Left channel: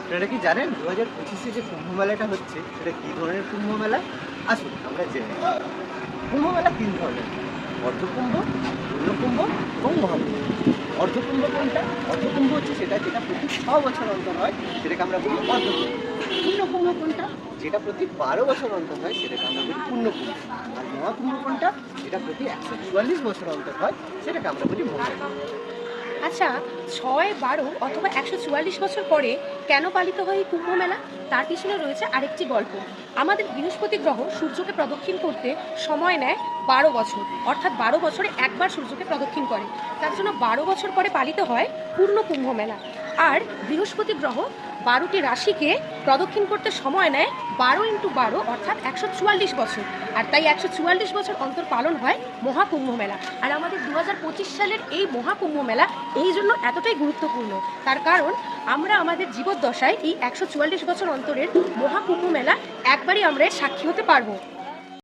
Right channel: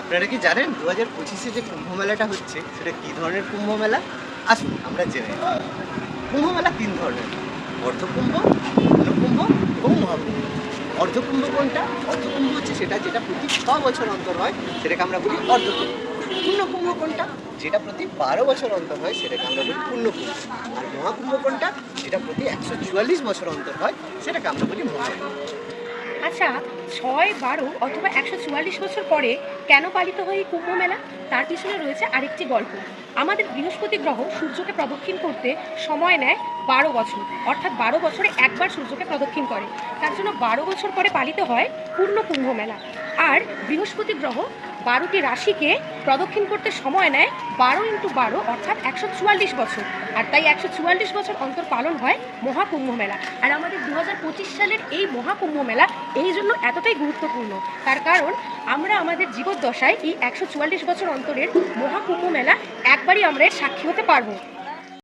আপনারা কি জানেন 2025-এ যে কুম্ভ মেলাটা হচ্ছে সেটা কী ধরনের কুম্ভ মেলা? আসুন আমরা জেনে নিই। কুম্ভ মেলা 3 ধরনের, অর্ধকুম্ভ, পূর্ণকুম্ভ এবং মহাকুম্ভ। অর্ধকুম্ভ কোনটা? অর্ধকুম্ভ হচ্ছে সেটা যেটা প্রতি 6 বছর অন্তর হয়, সেটাকে আমরা বলি অর্ধকুম্ভ। পূর্ণকুম্ভ কোনটা? যেটা প্রতি 12 বছর অন্তর হয়, সেটাকে আমরা বলি পূর্ণকুম্ভ। আর মহাকুম্ভ কোনটা? যেটা প্রতি 144 বছর অন্তর হয়, সেটাকে আমরা বলি মহাকুম্ভ। আচ্ছা, 6, 12 অথবা 144 বছর পরে কেন পালিত হয় এই কুম্ভ মেলা? তার পিছনে রয়েছে আরেকটি গল্প। আমাদের বৃহস্পতি গ্রহ সূর্যকে প্রদক্ষিণ করতে সময় নেয় 12 বছর, অর্থাৎ 12 বছরে একবার সূর্যকে প্রদক্ষিণ করে। তার জন্য 12 বছর পরে পালিত হয় পূর্ণ কুম্ভ মেলা। আর বৃহস্পতি গ্রহ 12টি রাশিকে প্রদক্ষিণ করতে সময় নেয় 12 × 12 অর্থাৎ 144 বছর। আর তাই 144 বছর অন্তর পালন হয় মহাকুম্ভ মেলা। আর আমাদের 2025 সালের এই মহাকুম্ভ মেলা এই জন্য এতটাই গুরুত্বপূর্ণ, তার কারণ আমরা আমাদের জীবদ্দশায় এই 144 বছর অন্তরের মহাকুম্ভ মেলা একবারই আমরা এর সাক্ষী হতে পারবো।